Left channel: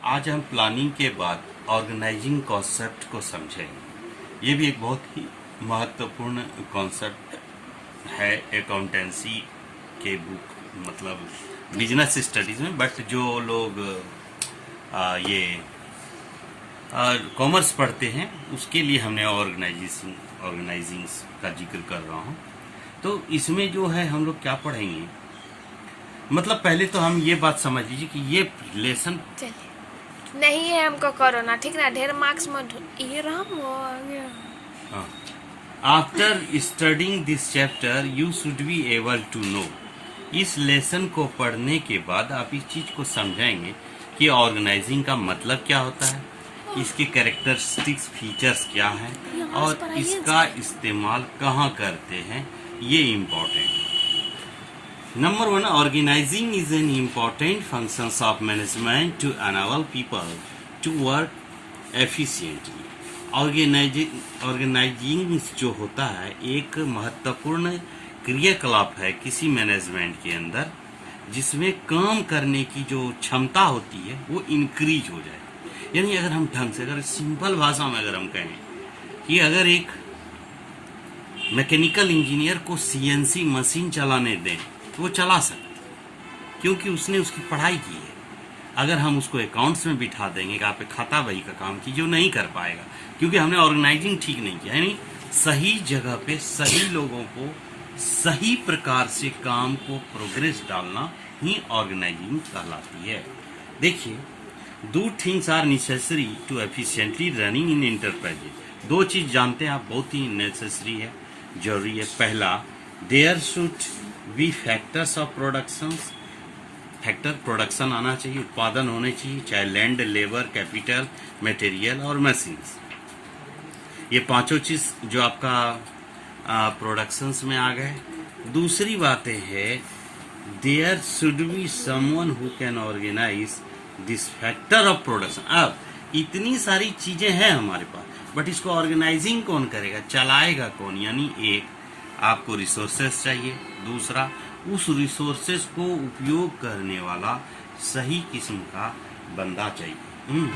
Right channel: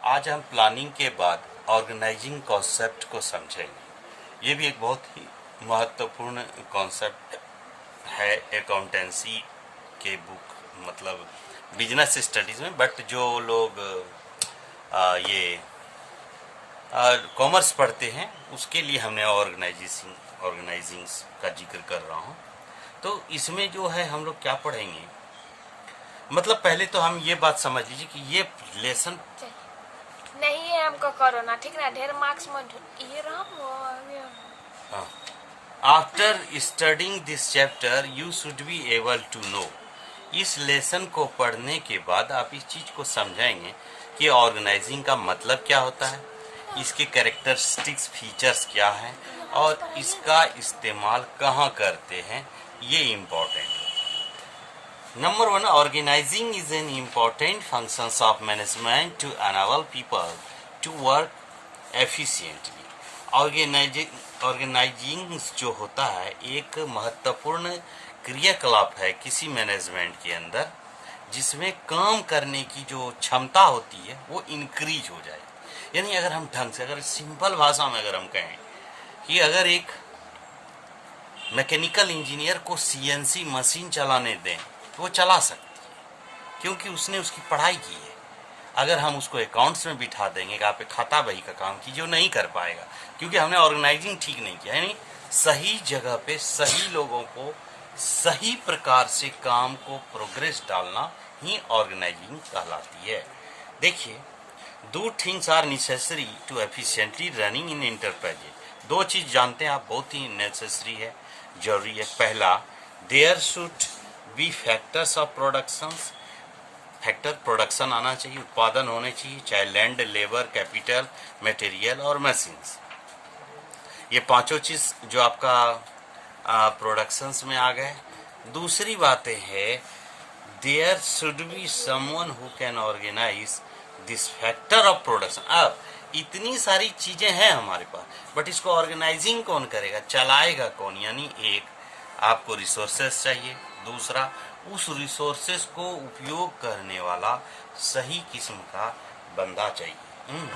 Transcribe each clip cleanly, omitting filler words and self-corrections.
आज हम प्लानिंग के बाद ऑर्गेनाइजिंग कॉन्सेप्ट को समझेंगे। ये भी एक बहुत ही महत्वपूर्ण कॉन्सेप्ट है अकाउंटेंसी के बुक मतलब बिजनेस स्टडीज में। बट जो लोग ये कॉमर्स पढ़ते हैं उसके लिए हमने ऑर्गेनाइजिंग का जिक्र कर रहा हूँ। तो इसमें जो है हम लोग क्या पढ़ेंगे, मतलब पहले तो हम ये बात समझ लीजिए कि ये लेसन नहीं है हमको कोरोना, ठीक ना? ढेर मार्क्स मत ये राम after studying this chapter you should be able to know. इस लेसन को पढ़ने के बाद आप इस चीज को समझाएंगे कि ऑर्गेनाइजिंग का मतलब क्या होता है, इसके कैरेक्टरिस्टिक्स फीचर्स क्या हैं और इसका इस्तेमाल कहाँ करते हैं, ये इम्पोर्टेंट है। Number one, organizing is an important function of management to enable people to work efficiently. Organising जो होता है एक महत्वपूर्ण क्रियाकलाप है किसी मैनेजमेंट के अंदर, जिसमें काम करने की जो क्षमता होती है वो इंक्रीज हो जाए। यानी अगर हम ढंग से, अगर सिंपल भाषा में अगर हम कहें कि अगर एक मैकेनिकल इंजीनियर को सीएनसी मशीन चलाने दें वो चला सकता, क्योंकि उसने उसकी पढ़ाई की है। अगर हम उसको अकाउंट्स में बिठा देंगे कि आप खाता बही का काम कीजिए, वो नहीं कर पाएगा, क्योंकि हमने ऑर्गेनाइजिंग ठीक नहीं किया। यानी सही जगह पे सही लोगों को सही प्रकार से काम को प्रोग्रेस डालना ही ऑर्गेनाइजिंग कहलाती है। देखिए, दो things are necessary to efficiently running in enterprise. दो चीज जानते हैं आप, बहुत ही नेसेसरी है, जरूरी है। पहला, there should be factors of production. Factor production आना चाहिए, उत्पादन होने चाहिए, चाहे लैंड, लेबर, कैपिटल, मटेरियल और मशीन्स। ये पांचों चीज जो आपका प्रोडक्शंस में आ गए। दूसरी बातें है, there should be someone who can organise this factor of production. अब इतनी सारी चीजें हैं हमारे पास, बट इसको ऑर्गेनाइजिंग कौन करेगा, चलाएगा कौन? यानी एक, आपको रिसोर्सेस चाहिए। दूसरा, उस रिसोर्सेस को उपयोग करने वाला सही किस्म का बंदा चाहिए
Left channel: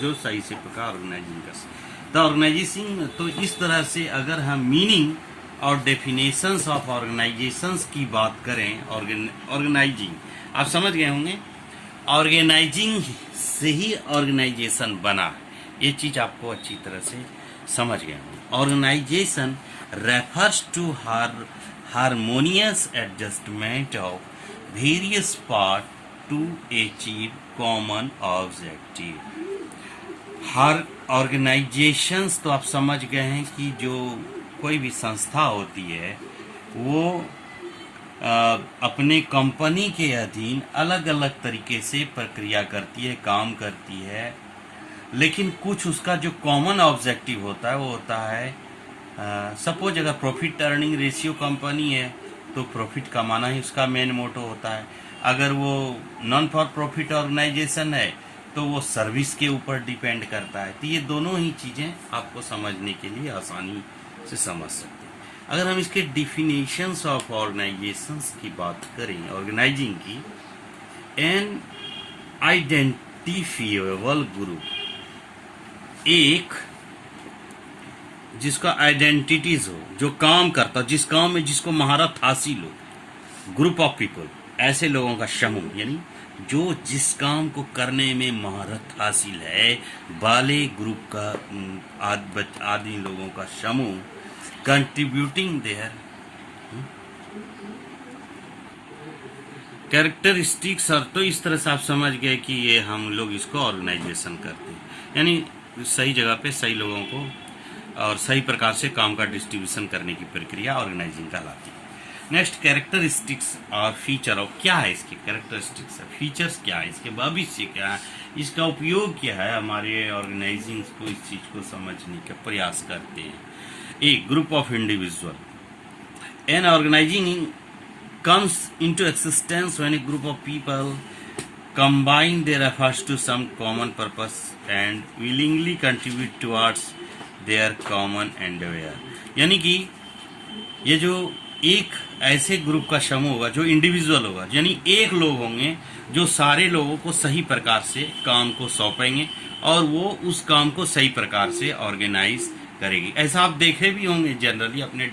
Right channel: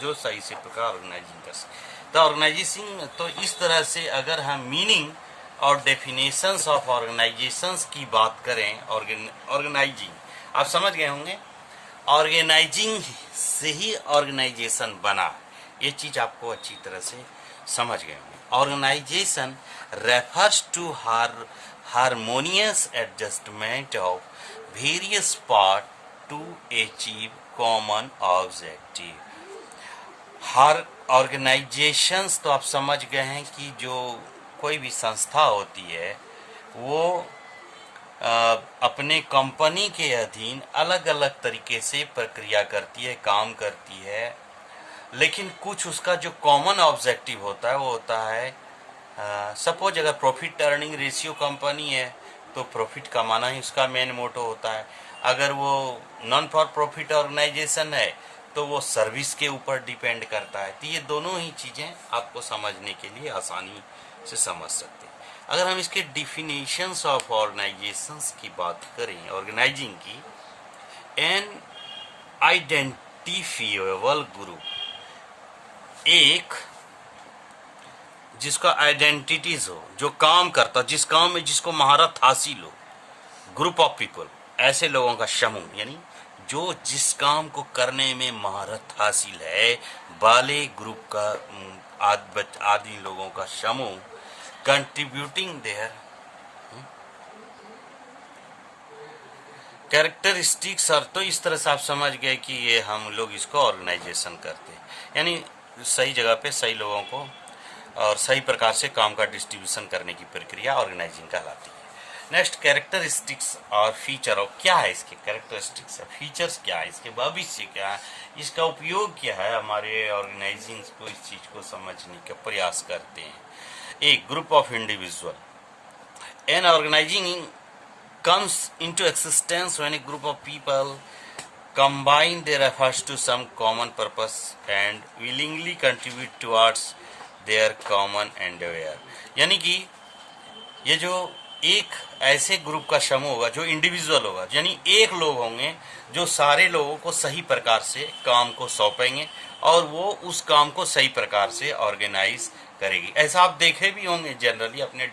जो सही से प्रकार ऑर्गेनाइजिंग कर सके। तो ऑर्गेनाइजिंग, तो इस तरह से अगर हम मीनिंग और डेफिनेशंस ऑफ ऑर्गेनाइजेशंस की बात करें, ऑर्गेनाइजिंग आप समझ गए होंगे, ऑर्गेनाइजिंग से ही ऑर्गेनाइजेशन बना, ये चीज आपको अच्छी तरह से समझ गए होंगे। Organisation refers to harmonious adjustment of various parts to achieve common objective। Her organisations तो आप समझ गए हैं कि जो कोई भी संस्था होती है वो अपने कंपनी के अधीन अलग अलग तरीके से प्रक्रिया करती है, काम करती है, लेकिन कुछ उसका जो कॉमन ऑब्जेक्टिव होता है वो होता है, सपोज अगर प्रॉफिट अर्निंग रेशियो कंपनी है तो प्रॉफिट कमाना ही उसका मेन मोटो होता है। अगर वो नॉन फॉर प्रॉफिट ऑर्गेनाइजेशन है तो वो सर्विस के ऊपर डिपेंड करता है। तो ये दोनों ही चीज़ें आपको समझने के लिए आसानी से समझ सकते हैं। अगर हम इसके डिफिनेशंस ऑफ ऑर्गेनाइजेशंस की बात करें, ऑर्गेनाइजिंग की, एन आइडेंटिफिएबल ग्रुप, एक जिसका आइडेंटिटीज हो, जो काम करता, जिस काम में जिसको महारत हासिल हो, ग्रुप ऑफ पीपल, ऐसे लोगों का समूह, यानी जो जिस काम को करने में महारत हासिल है वाले ग्रुप का आदि लोगों का समूह, कंट्रीब्यूटिंग देयर कैरेक्टरिस्टिक्स। और तो इस तरह से आप समझ गए कि ये हम लोग इसको ऑर्गेनाइजेशन करते हैं, यानी सही जगह पे सही लोगों को और सही प्रकार से काम का डिस्ट्रीब्यूशन करने की प्रक्रिया ऑर्गेनाइजिंग कहलाती है। नेक्स्ट, कैरेक्टरिस्टिक्स और फीचर। और क्या है इसके कैरेक्टरिस्टिक्स और फीचर्स, क्या है इसके भविष्य, क्या है इसका उपयोग, क्या है, हमारे ऑर्गेनाइजिंग को इस चीज को समझने का प्रयास करते हैं। एक, group of individual. An organising comes into existence when a group of people combine their efforts to some common purpose and willingly contribute towards their common endeavor। यानी कि ये जो एक ऐसे ग्रुप का समूह होगा जो इंडिविजुअल होगा, यानी एक लोग होंगे जो सारे लोगों को सही प्रकार से काम को सौंपेंगे और वो उस काम को सही प्रकार से ऑर्गेनाइज करेगी। ऐसा आप देखे भी होंगे जनरली अपने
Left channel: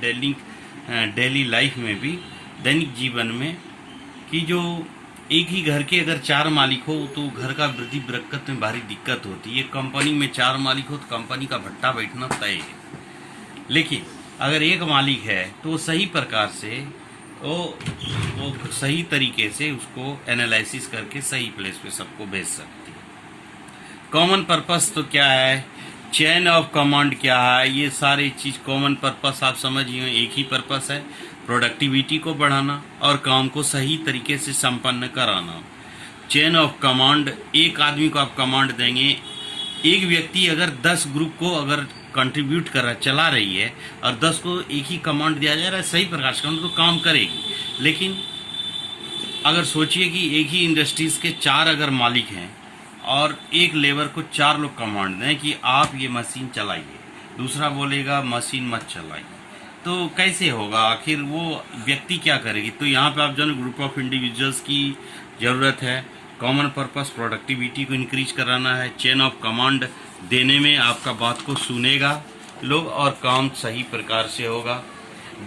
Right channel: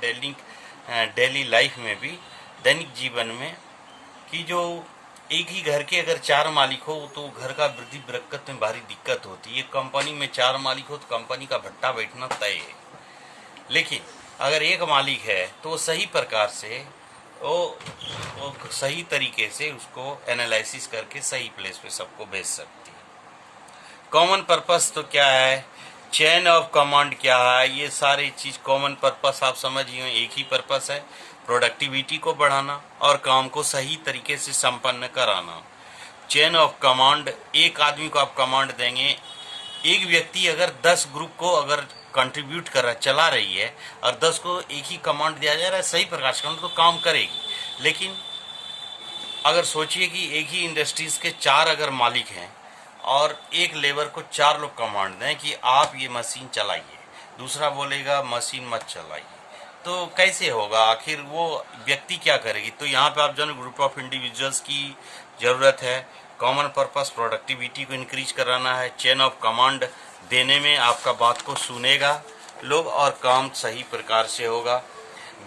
डेली लाइफ में भी, दैनिक जीवन में, कि जो एक ही घर के अगर 4 मालिक हो तो घर का वृद्धि बरकत में भारी दिक्कत होती है। कंपनी में 4 मालिक हो तो कंपनी का भट्टा बैठना तय है। लेकिन अगर एक मालिक है तो वो सही प्रकार से वो सही तरीके से उसको एनालिसिस करके सही प्लेस पे सबको भेज सकती है। कॉमन पर्पस तो क्या है, चेन ऑफ कमांड क्या है, ये सारी चीज कॉमन पर्पस आप समझिए। एक ही पर्पस है, प्रोडक्टिविटी को बढ़ाना और काम को सही तरीके से संपन्न कराना। चेन ऑफ कमांड, एक आदमी को आप कमांड देंगे, एक व्यक्ति अगर 10 ग्रुप को अगर कंट्रीब्यूट कर रहा चला रही है और 10 को एक ही कमांड दिया जा रहा है सही प्रकार से तो काम करेगी। लेकिन अगर सोचिए कि एक ही इंडस्ट्रीज के 4 अगर मालिक हैं और एक लेबर को 4 लोग कमांड दें कि आप ये मशीन चलाइए, दूसरा बोलेगा मशीन मत चलाइए, तो कैसे होगा? आखिर वो व्यक्ति क्या करेगी? तो यहाँ पे आप जो ग्रुप ऑफ इंडिविजुअल्स की ज़रूरत है। कॉमन पर्पस प्रोडक्टिविटी को इंक्रीज कराना है। चेन ऑफ कमांड देने में आपका बात को सुनेगा लोग और काम सही प्रकार से होगा।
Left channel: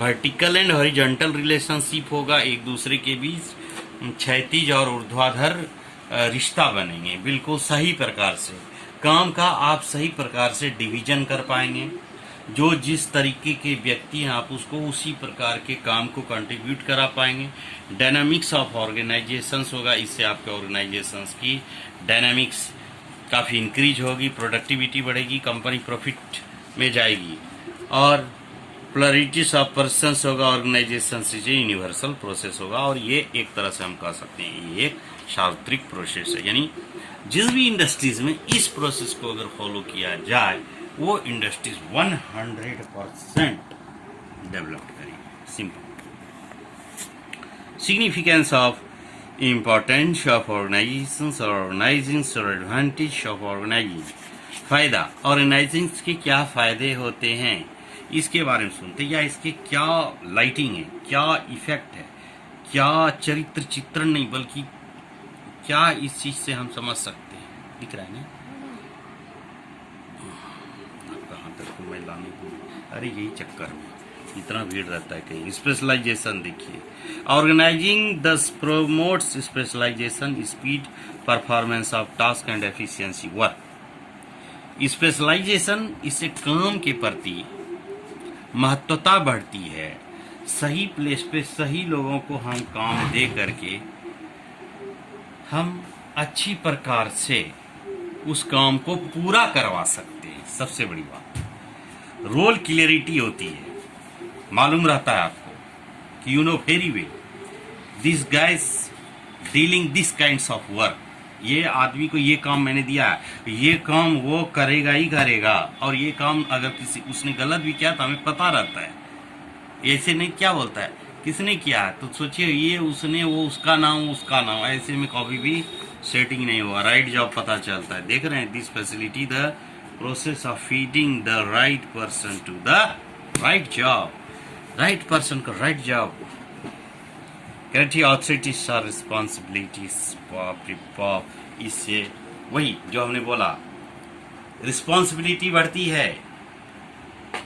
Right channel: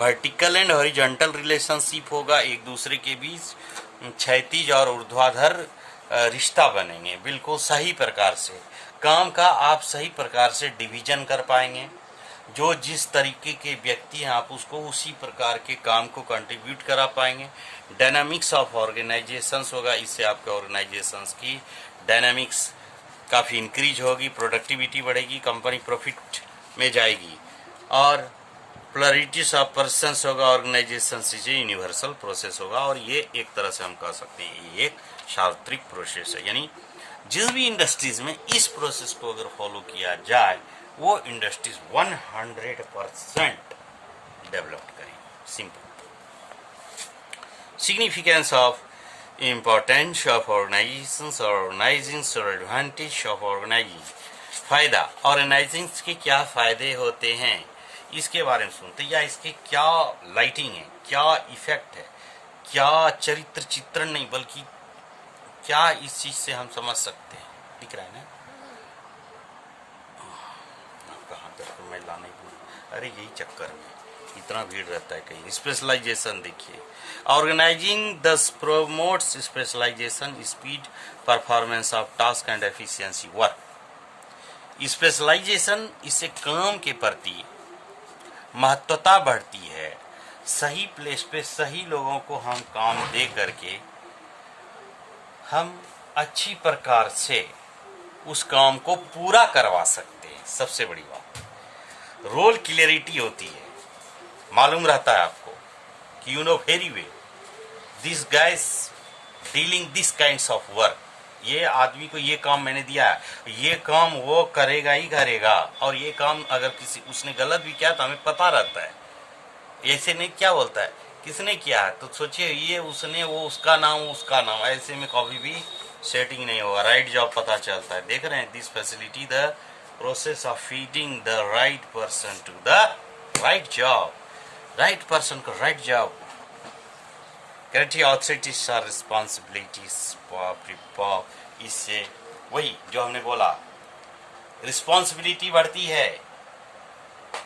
वर्टिकल एंड हॉरिजॉन्टल रिलेशनशिप होगा, एक दूसरे के बीच क्षैतिज और ऊर्ध्वाधर रिश्ता बनेंगे बिल्कुल सही प्रकार से। काम का आप सही प्रकार से डिवीजन कर पाएंगे। जो जिस तरीके के व्यक्ति हैं आप उसको उसी प्रकार के काम को कंट्रीब्यूट करा पाएंगे। डायनामिक्स ऑफ ऑर्गेनाइजेशंस होगा, इससे आपके ऑर्गेनाइजेशंस की डायनामिक्स काफ़ी इंक्रीज होगी, प्रोडक्टिविटी बढ़ेगी, कंपनी प्रॉफिट में जाएगी। और प्लरिटीज ऑफ पर्सन्स होगा, ऑर्गेनाइजेशन से यूनिवर्सल प्रोसेस होगा। और ये एक तरह से हम कह सकते हैं ये एक सार्वत्रिक प्रोसेस है, यानी जिस भी इंडस्ट्रीज में इस प्रोसेस को अगर फॉलो किया जाए वो इंडस्ट्रीज 100% डेवलप करेंगे। Simple. Significance of importance of organisations और ऑर्गेनाइजिंग्स और एडवांटेज ऑफ ऑर्गेनाइजिंग। फायदा, ऑर्गेनाइजिंग के क्या फायदे होते हैं इसके बारे में सुनते हैं, या इसके क्या लाइटिंग है, क्या इफेक्ट है, क्या चरित्र चित्रण नहीं बल्कि क्या इस चीज से हम समझ सकते हैं। दिख रहा है ना? कहाँ तक मैं लाने को, अरे यही चक्कर में इतना भीड़ रहता है कहीं। स्पेशलाइजेशन देखिए, organising this promotes specialisation, speed, performance of task and efficiency work. Specialisation, इससे काम के प्रति महत्वता बढ़ती है। सही प्लेस पे सही लोगों को हम काम दे करके हम अच्छी प्रकार से उस काम को पूरा करवा सकते हैं। सबसे बड़ी बात, रोल क्लियरिटी होती है, मालूम रहता है आपको कि you know very well this guys dealing this kinds of work. ये आदमी को ये काम मैंने दिया है, ये काम वो करेगा ही करेगा, और ये काम अगर किसी उसने गलत भी किया तो हमें पता रहता है। ऐसे नहीं क्या बोलता है किसने किया है तो सोचिए ये उसने, वो उसका नाम, ऐसे में कभी भी सेटिंग नहीं होगा। राइट जॉब पता चलता है। देख रहे हैं, this facility the process of feeding the right person to the right job. Right person को राइट जॉब। क्रिएटिव ऑथोरिटीज और रिस्पॉन्सिबिलिटीज। इससे वही जो हमने बोला, रिस्पॉन्सिबिलिटी बढ़ती है।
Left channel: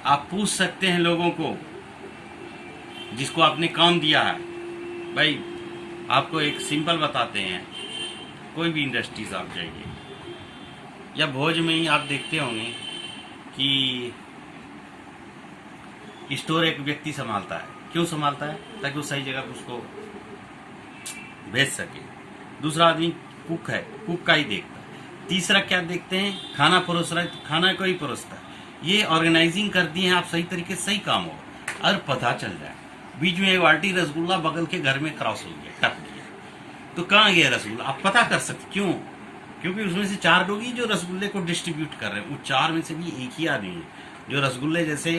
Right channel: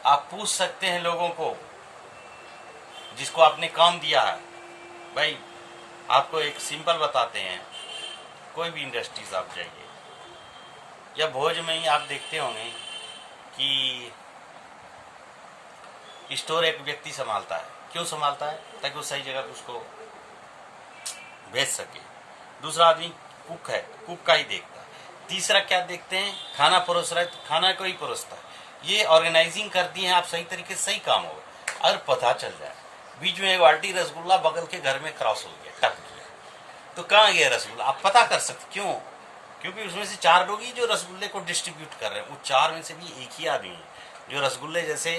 आप पूछ सकते हैं लोगों को जिसको आपने काम दिया है। भाई आपको एक सिंपल बताते हैं, कोई भी इंडस्ट्रीज आप जाइए या भोज में ही आप देखते होंगे कि स्टोर एक व्यक्ति संभालता है। क्यों संभालता है? ताकि वो सही जगह उसको भेज सके। दूसरा आदमी कुक है, कुक का ही देखता है। तीसरा क्या देखते हैं? खाना परोस रहा है तो खाना को ही परोसता है। ये ऑर्गेनाइजिंग करती है आप सही तरीके से, सही काम हो और पता चल जाए। बीच में एक बाल्टी रसगुल्ला बगल के घर में क्रॉस हो गया, टप गया, तो कहाँ गया रसगुल्ला आप पता कर सकते। क्यों? क्योंकि उसमें से 4 लोग ही जो रसगुल्ले को डिस्ट्रीब्यूट कर रहे हैं। उस 4 में से भी एक ही आदमी है जो रसगुल्ले जैसे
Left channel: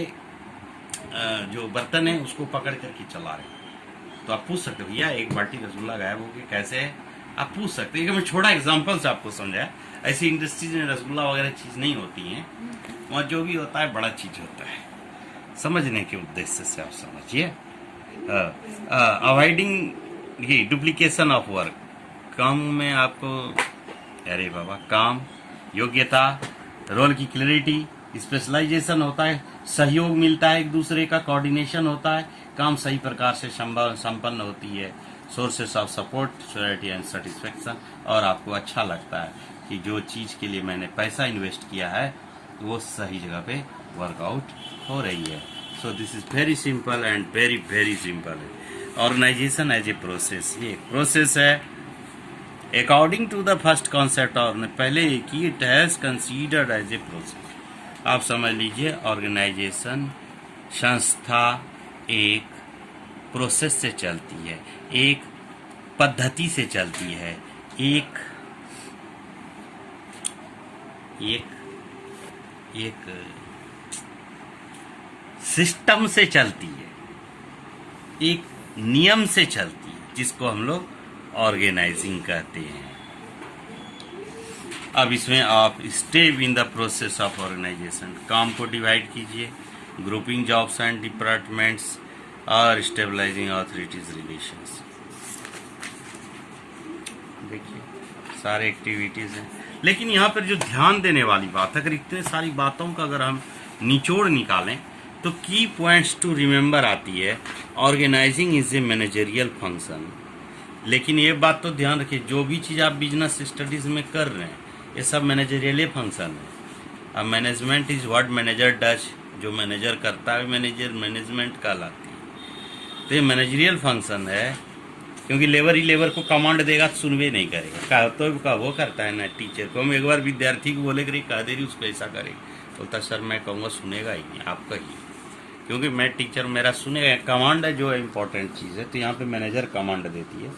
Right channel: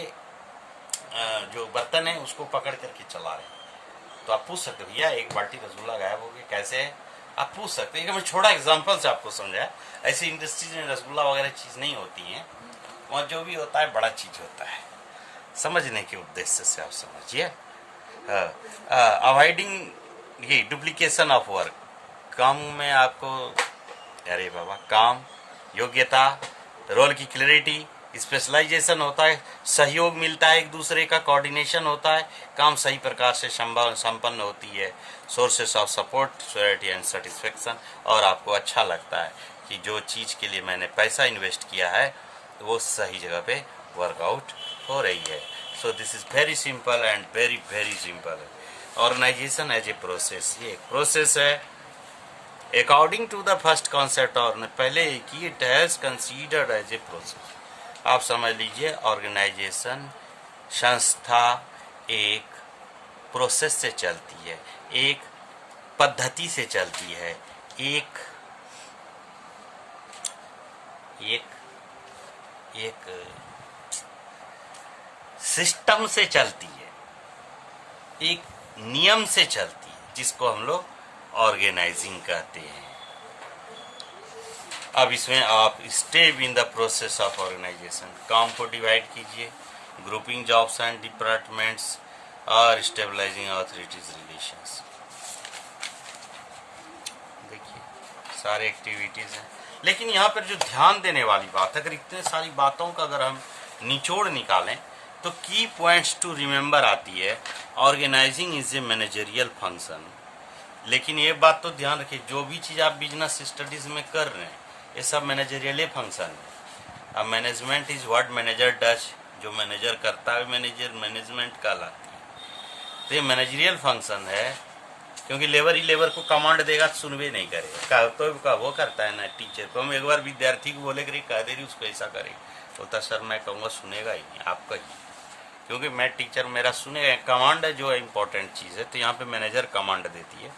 जो बर्तन है उसको पकड़ करके चला रहे हैं। तो आप पूछ सकते भैया एक बाल्टी रसगुल्ला गायब हो गया कैसे है, आप पूछ सकते हैं। मैं छोटा एग्जांपल से आपको समझाया। ऐसी इंडस्ट्रीज में रसगुल्ला वगैरह चीज नहीं होती है, वहाँ जो भी होता है बड़ा चीज होता है। समझने के उद्देश्य से आप समझिए। अवॉइडिंग ये डुप्लीकेशन ऑफ वर्क, काम में आपको, अरे बाबा, काम, योग्यता, रोल की क्लैरिटी, स्पेशलाइजेशन होता है, सहयोग मिलता है, एक दूसरे का कोऑर्डिनेशन होता है, काम सही प्रकार से संपन्न होती है, sources of support, surety and satisfaction, और आपको अच्छा लगता है कि जो चीज़ के लिए मैंने पैसा इन्वेस्ट किया है वो सही जगह पे वर्कआउट हो रही है. So this is very simple and very very simple है. ऑर्गेनाइजेशन एज ए प्रोसेस, ये एक प्रोसेस है according to the first concept, और पहले की it has considered as a process. आप समझ लीजिए ऑर्गेनाइजेशन, संस्था एक प्रोसेस से चलती है, एक पद्धति से चलती है, एक सिस्टम से चलती है, एक नियम से चलती है, जिसको हम लोग ऑर्गेनाइजिंग कहते हैं. अब इसमें आप step in the process of organisation, काम को डिवाइड कीजिए, ग्रुपिंग जॉब्स एंड डिपार्टमेंट्स और स्टेबलाइजिंग अथॉरिटीज रिलेशंस. देखिए सारे एक्टिविटीज हैं, लेकिन यहाँ पर जो ध्यान देने वाली बात, अगर इतने सारी बातों का अगर हम निचोड़ निकालें तो की पॉइंट्स टू रिमेंबर आती है. Organising is a managerial function. लेकिन ये बात तो ध्यान रखिए, जो भी चीज़ आप बिजनेस स्टडीज में कर रहे हैं ये सब मैनेजरियल फंक्शन है. अब management is what manager does, जो मैनेजर करता है मैनेजमेंट कहलाती है. तो ये मैनेजरियल फंक्शन है, क्योंकि लेबर ही लेबर को कमांड देगा तो सुनवे नहीं करेगा. तो वो करता है ना टीचर को, हम एक बार विद्यार्थी को बोले कि कह दे रही उसको ऐसा करेगा, बोलता सर मैं कहूँगा सुनेगा ही नहीं आपका ही, क्योंकि मैं टीचर मेरा सुनेगा. कमांड है जो इम्पोर्टेंट चीज़ है, तो यहाँ पे मैनेजर कमांड देती है.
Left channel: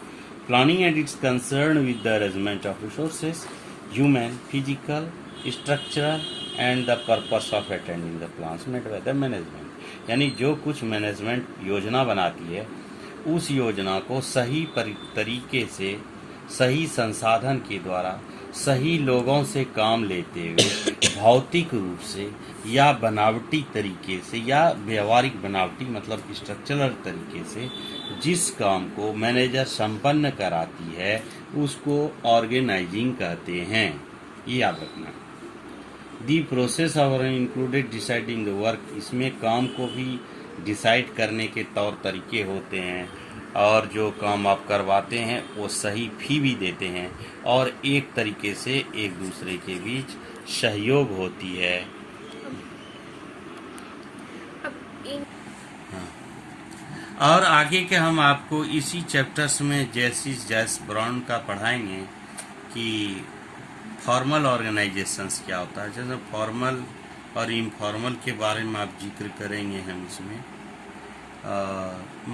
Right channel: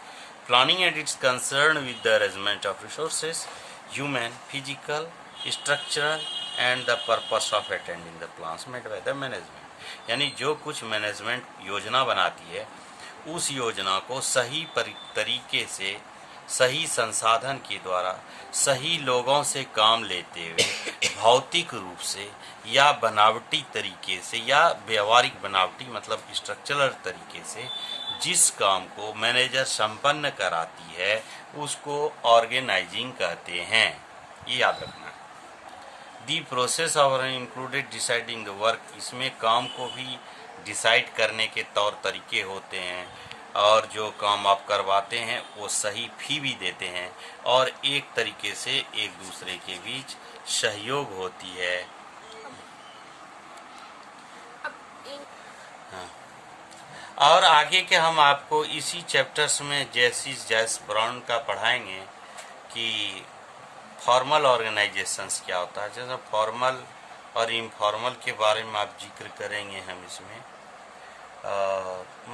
Planning and it's concern with the arrangement of resources, human, physical, structural and the purpose of attending the plans made by the management. यानी जो कुछ मैनेजमेंट योजना बनाती है उस योजना को सही तरीके से, सही संसाधन के द्वारा, सही लोगों से काम लेते हुए, भौतिक रूप से या बनावटी तरीके से, या व्यवहारिक बनावटी मतलब स्ट्रक्चरल तरीके से जिस काम को मैनेजर संपन्न कराती है उसको ऑर्गेनाइजिंग कहते हैं. ये याद रखना. The process of included deciding the work, इसमें काम को भी डिसाइड करने के तौर तरीके होते हैं, और जो काम आप करवाते हैं वो सही फी भी देते हैं, और एक तरीके से एक दूसरे के बीच सहयोग होती है. हाँ. और आगे के हम आपको इसी चैप्टर्स में जैस ब्राउन का पढ़ाएंगे कि फॉर्मल ऑर्गेनाइजेशंस क्या होता है. जैसे फॉर्मल और इनफॉर्मल के बारे में आप जिक्र करेंगे हम इसमें.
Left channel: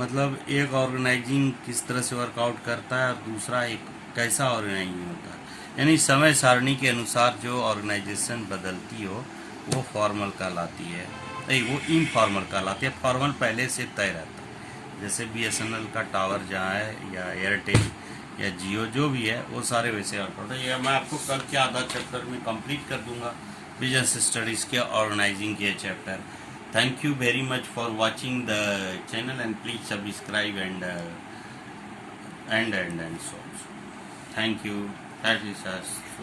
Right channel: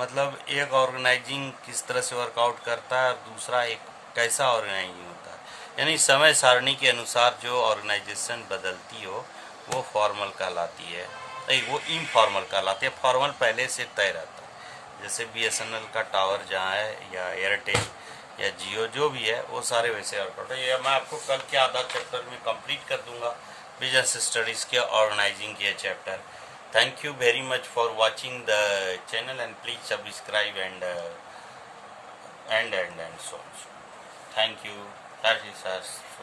मतलब एक ऑर्गेनाइजिंग किस तरह से वर्कआउट करता है और दूसरा एक कैसा ऑर्गेनाइजिंग होता है. यानी समय सारणी के अनुसार जो ऑर्गेनाइजेशन बदलती हो वो फॉर्मल कहलाती है, नहीं वो इनफॉर्मल कहलाती है. फॉर्मल पहले से तय रहता है, जैसे BSNL का टावर जहाँ है, या एयरटेल या जियो जो भी है, वो सारे वैसे वर्कआउट है. या मैं आपको कल के आधा चैप्टर में कंप्लीट कर दूंगा बिजनेस स्टडीज के ऑर्गेनाइजिंग के chapter. Thank you very much for watching the channel, and please subscribe and so. Thank you. That is as so